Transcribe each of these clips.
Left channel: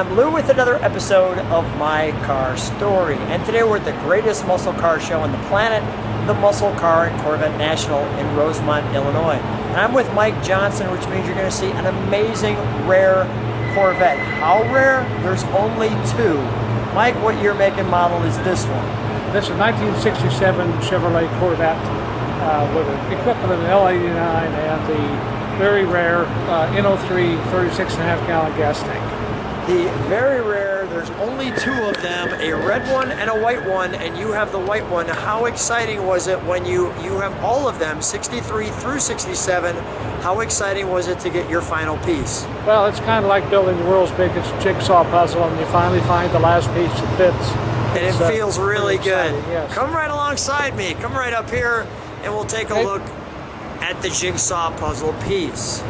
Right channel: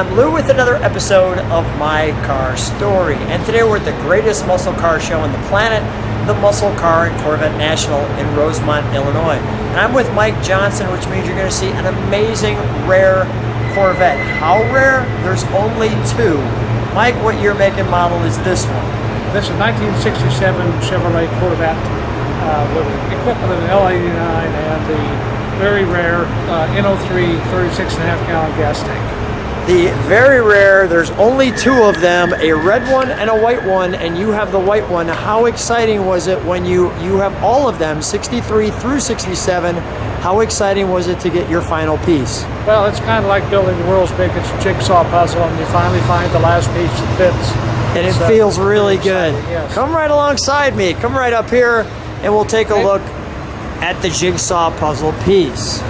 I'm Lou with another episode of My Car Story. And today we're at the greatest muscle car show on the planet, the Muscle Car and Corvette National in Rosemont, Illinois. And I'm with Mike Johnson, which means you're going to see an amazing, rare Corvette. How rare? There's only two. Mike, what year, make, and model is this one? This is a 1967 Chevrolet Corvette with an equipped with an L89 and the very rare NO3 36.5 gallon gas tank. The very rare, there's only two of them, a red one and a white one, and you have the white one. How exciting was it when you have all of them, 63 through 67, how exciting was it to get your final piece? Well, it's kind of like building the world's biggest jigsaw puzzle, and you finally find the last piece that fits. It feels really good. Exciting, yes. Come right alongside me. Come right up here, and we'll take a look at the jigsaw puzzle piece.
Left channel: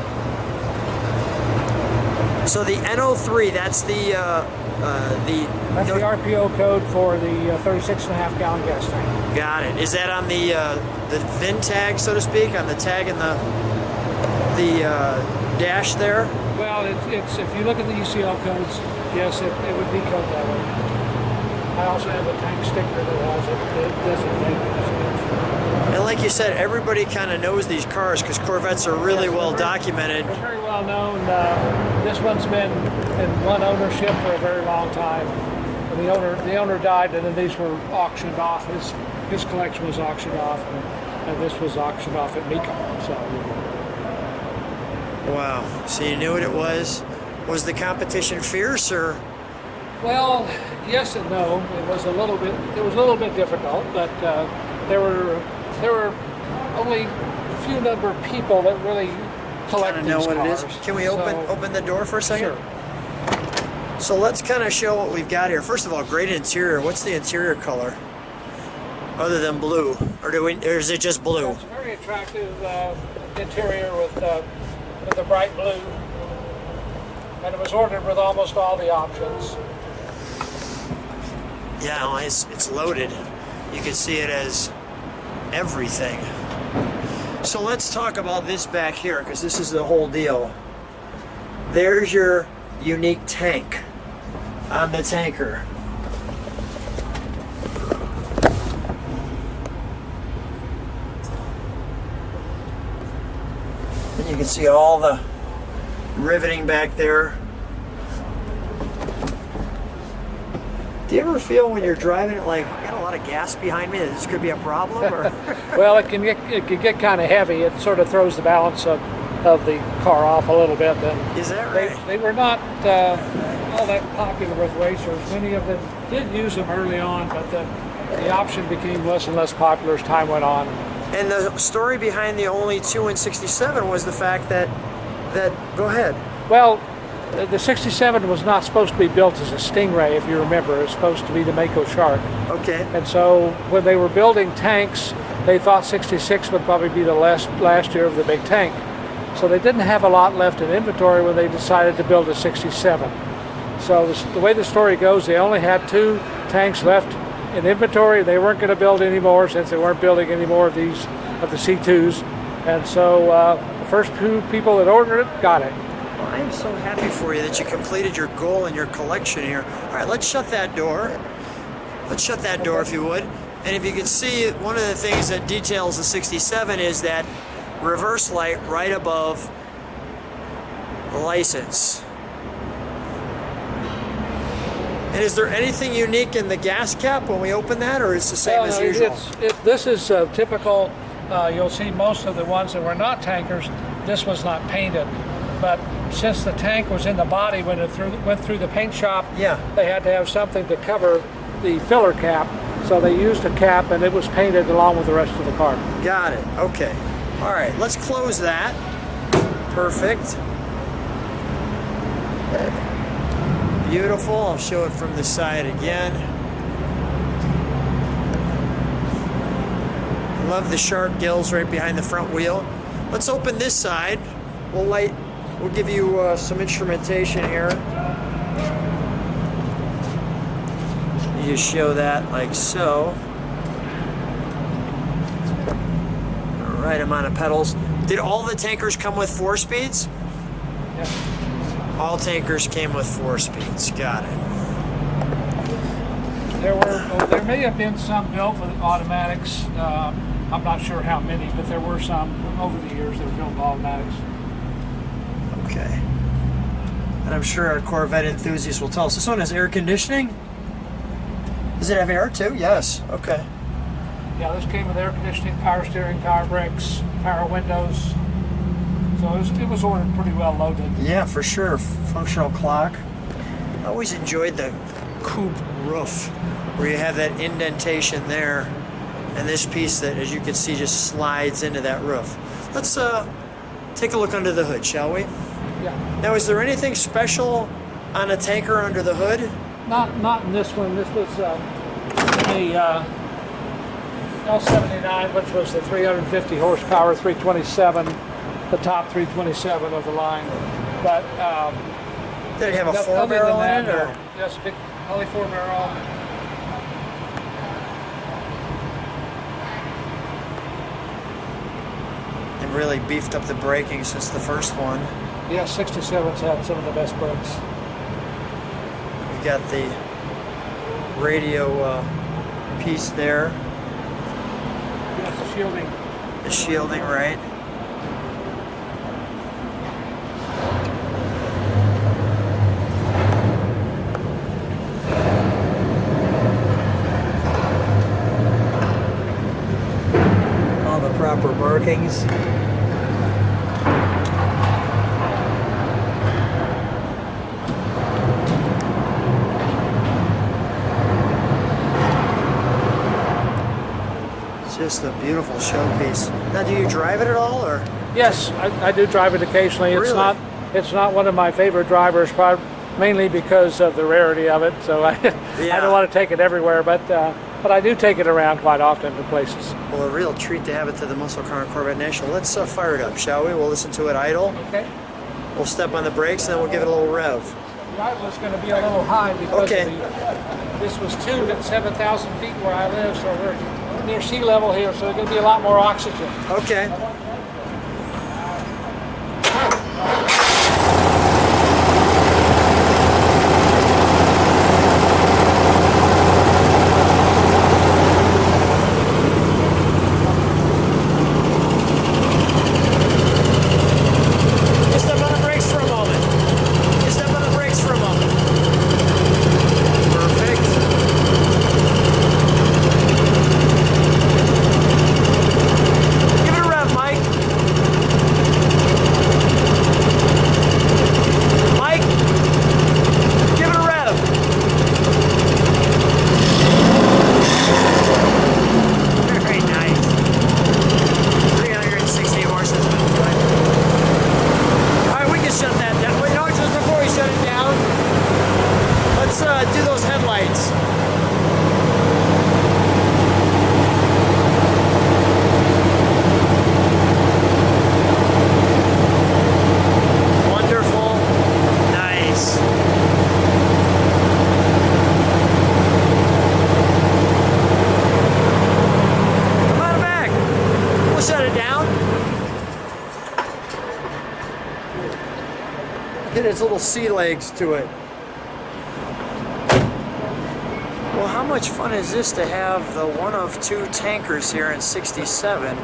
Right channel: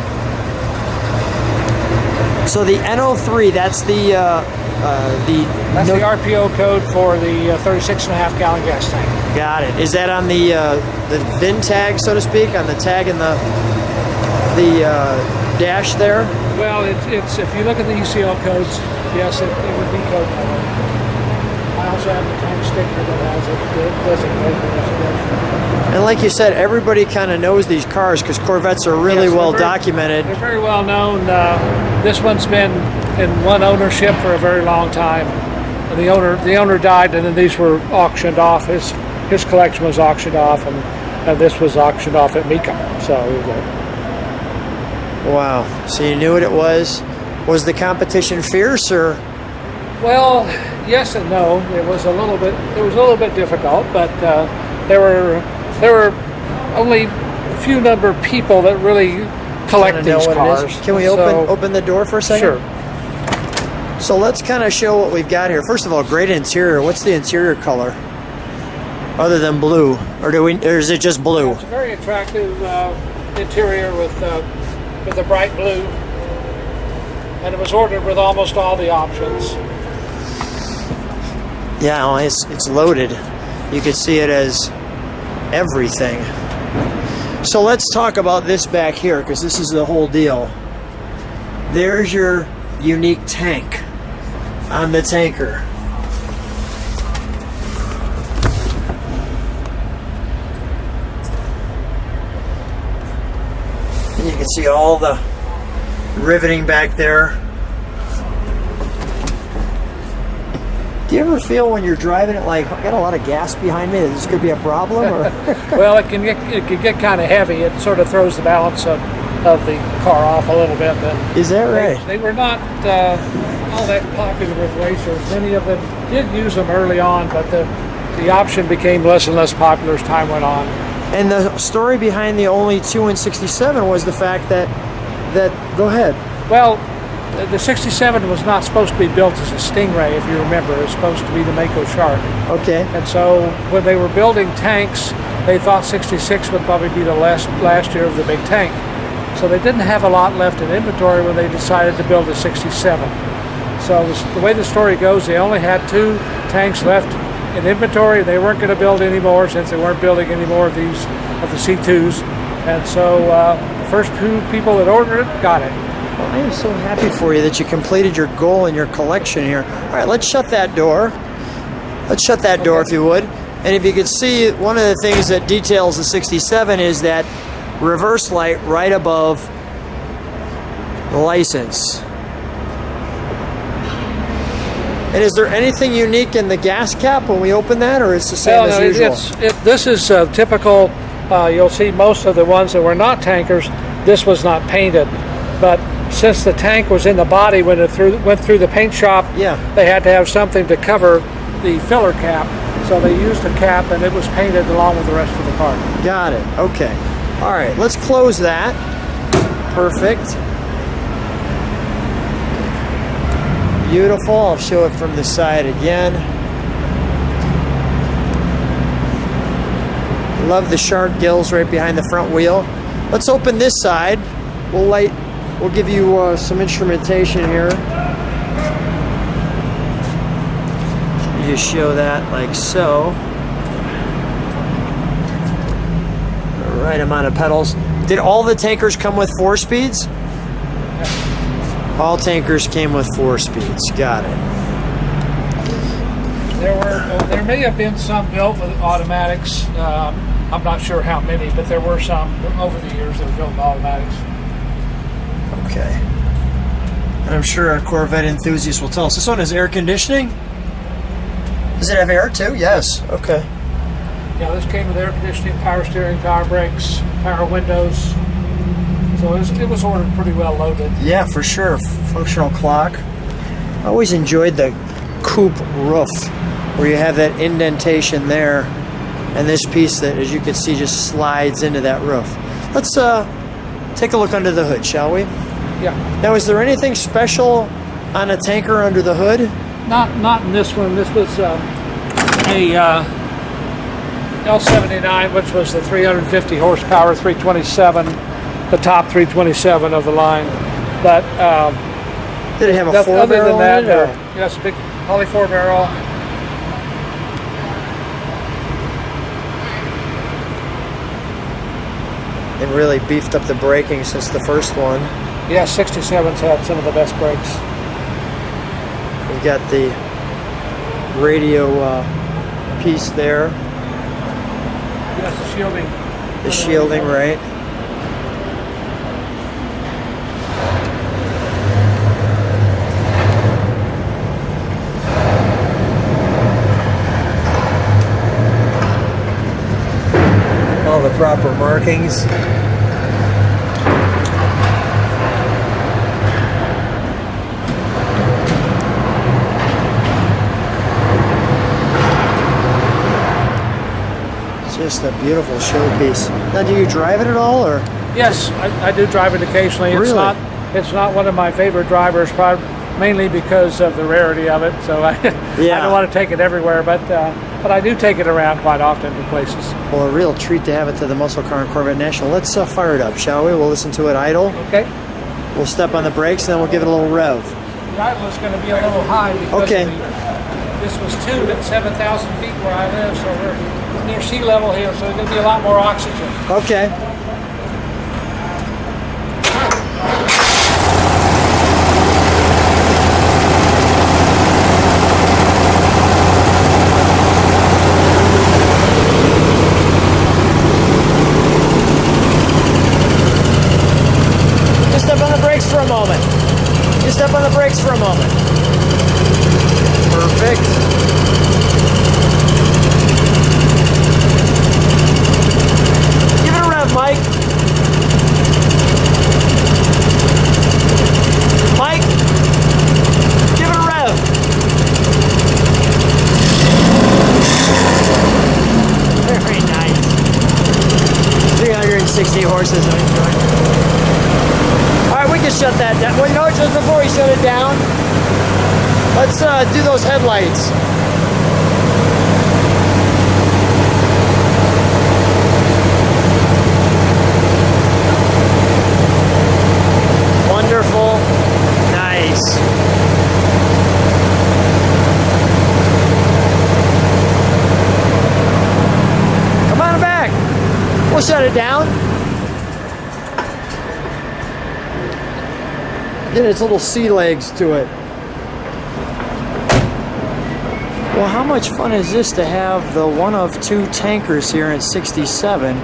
So the NO3, that's the RPO code for the 36.5 gallon gas tank. Got it. Is that on the VIN tag, so to speak, on the tag in the dash there? Well, it's if you look at the UCL codes, yes, it would be code number. I also have the tank sticker that and like you said, everybody kind of knows these cars because Corvettes are really well documented. They're very well known. This one's been in one ownership for a very long time. And the owner died, and then these were auctioned off. His collection was auctioned off, and this was auctioned off at Mecum. So here we go. Wow. So you knew what it was. Was the competition fierce, or? Well, yes and no. It was a little bit difficult, but there were only a few number of people that really collect these cars. Can we open the door for a second? Sure. So let's kind of show what we've got here. First of all, great interior. What's the interior color? Other than blue, or is it just blue? It's a very attractive interior with a bright blue, and it was ordered with almost all the options. Yeah, well, it's loaded. You can see it as everything. So let's talk about this back here, because this is the whole deal. There's your unique tank on the tanker. And you can see all the riveting back there. Do you ever feel when you're driving it like, I've got a lot of gas behind me, that this could be a problem? Or? Well, it can get kind of heavy. It sort of throws the balance of the car off a little bit. And is that right? They were not all that popular with racers. Many of them did use them early on, but the option became less and less popular as time went on. And the story behind the only 2 in 67 was the fact that go ahead. Well, the 67 was not supposed to be built as a Stingray, if you remember. It was supposed to be the Mako Shark. Okay. And so when they were building tanks, they thought 66 would probably be the last year of the big tank. So they didn't have a lot left in inventory when they decided to build a 67. So the way the story goes, they only had 2 tanks left in inventory. They weren't going to build any more since they weren't building any more of the C2s. And so the first 2 people that ordered it got it. I'm so happy for you that you completed your goal in your collection here. All right, let's shut that door. Let's shut that door, if you would. And if you could see, one of the things that details the 67 is that reverse light right above the license. And is there anything unique in the gas cap when we open that, or it's the same as usual? This is typical. You'll see most of the ones that were not tankers, this was not painted. But since the tank was in the body when it went through the paint shop, they had to have something to cover the filler cap. So they used a cap, and it was painted along with the rest of the car. Got it. Okay. All right. Let's close that. Perfect. Beautiful. I'll show it from the side again. Love the shark gills right behind the front wheel. Let's open this side. We'll give you some instrumentation here. Just show that like so. Right amount of pedals. Did all the tankers come with 4 speeds? All tankers came with 4 speeds. Got it. There may have been some built with automatics. I'm not sure how many, but there were some over the years that were built with automatics. Okay. And I'm sure our Corvette enthusiasts will tell us. This one has air conditioning? Does it have air too? Yes. Okay. Yeah, this came with air conditioning, power steering, power brakes, power windows. So it was ordered pretty well loaded. Yeah, for sure. Functional clock. I always enjoyed the coupe roof, where you have that indentation there, and this piece that, as you can see, just slides into that roof. Let's take a look under the hood, shall we? Yeah. Now, is there anything special on a tanker under the hood? Not in this one. This was a L79, which was the 350 horsepower 327, the top 327 of the line. But Did it have a four other than that, barrel no. Yes, a big poly 4 barrel. It really beefed up the braking since the first one. Yeah, 67's had some of the best brakes. We've got the radio piece there. Yes, the shielding. The shielding, right? All the proper markings. Just a beautiful showpiece. Now, do you drive it at all, or? Yes, I do drive it occasionally. Really? It's not one of my favorite drivers, mainly because of the rarity of it. So I don't want to take it everywhere, but I do take it around quite often to places. Well, a real treat to have it to the Muscle Car and Corvette National. Let's fire it up, shall we? We'll listen to it idle. Okay. We'll step on the brakes, then we'll give it a little rev. The idle is going to be a little high because this was tuned at 7,000 feet where I live, so we're near sea level here, so there's going to be a lot more oxygen. Okay. Its little sea legs to it. Well, how much fun is this to have the one of 2 tankers here in 67?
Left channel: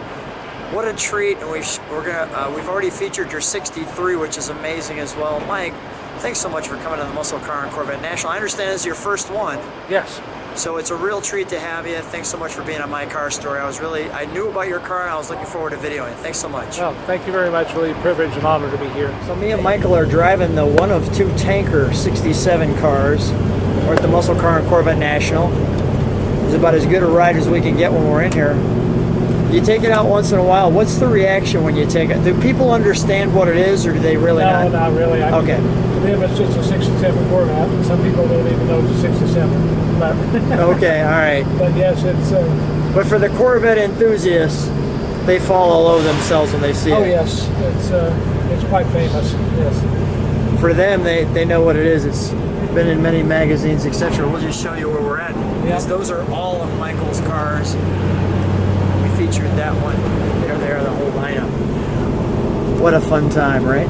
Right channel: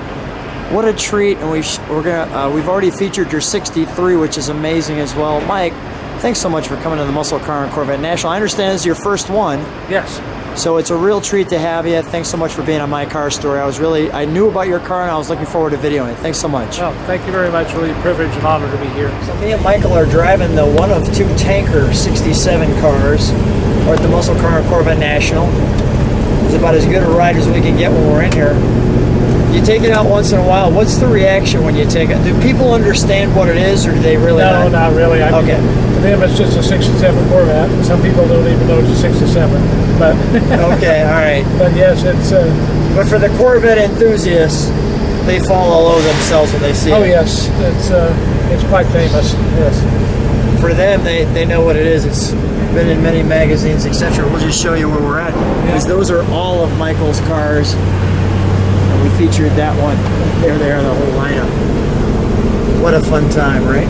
What a treat! And we've already featured your 63, which is amazing as well. Mike, thanks so much for coming to the Muscle Car and Corvette National. I understand it's your first one. Yes. So it's a real treat to have you. Thanks so much for being on my car story. I knew about your car and I was looking forward to videoing it. Thanks so much. Well, thank you very much. Really a privilege and honor to be here. So me and Michael are driving the one of 2 tanker 67 cars. We're at the Muscle Car and Corvette National. It's about as good a ride as we can get when we're in here. You take it out once in a while. What's the reaction when you take it? Do people understand what it is, or do they really No, not really. I mean, Okay. to them, it's just a 67 Corvette. Some people don't even know it's a 67. But Okay, all right. But yes, it's. But for the Corvette enthusiasts, they fall all over themselves when they see it. Oh yes, it's quite famous. Yes. For them, they know what it is. It's been in many magazines, etc. We'll just show you where we're at. Because those are all of Michael's cars. We featured that one there in the whole lineup. What a fun time, right?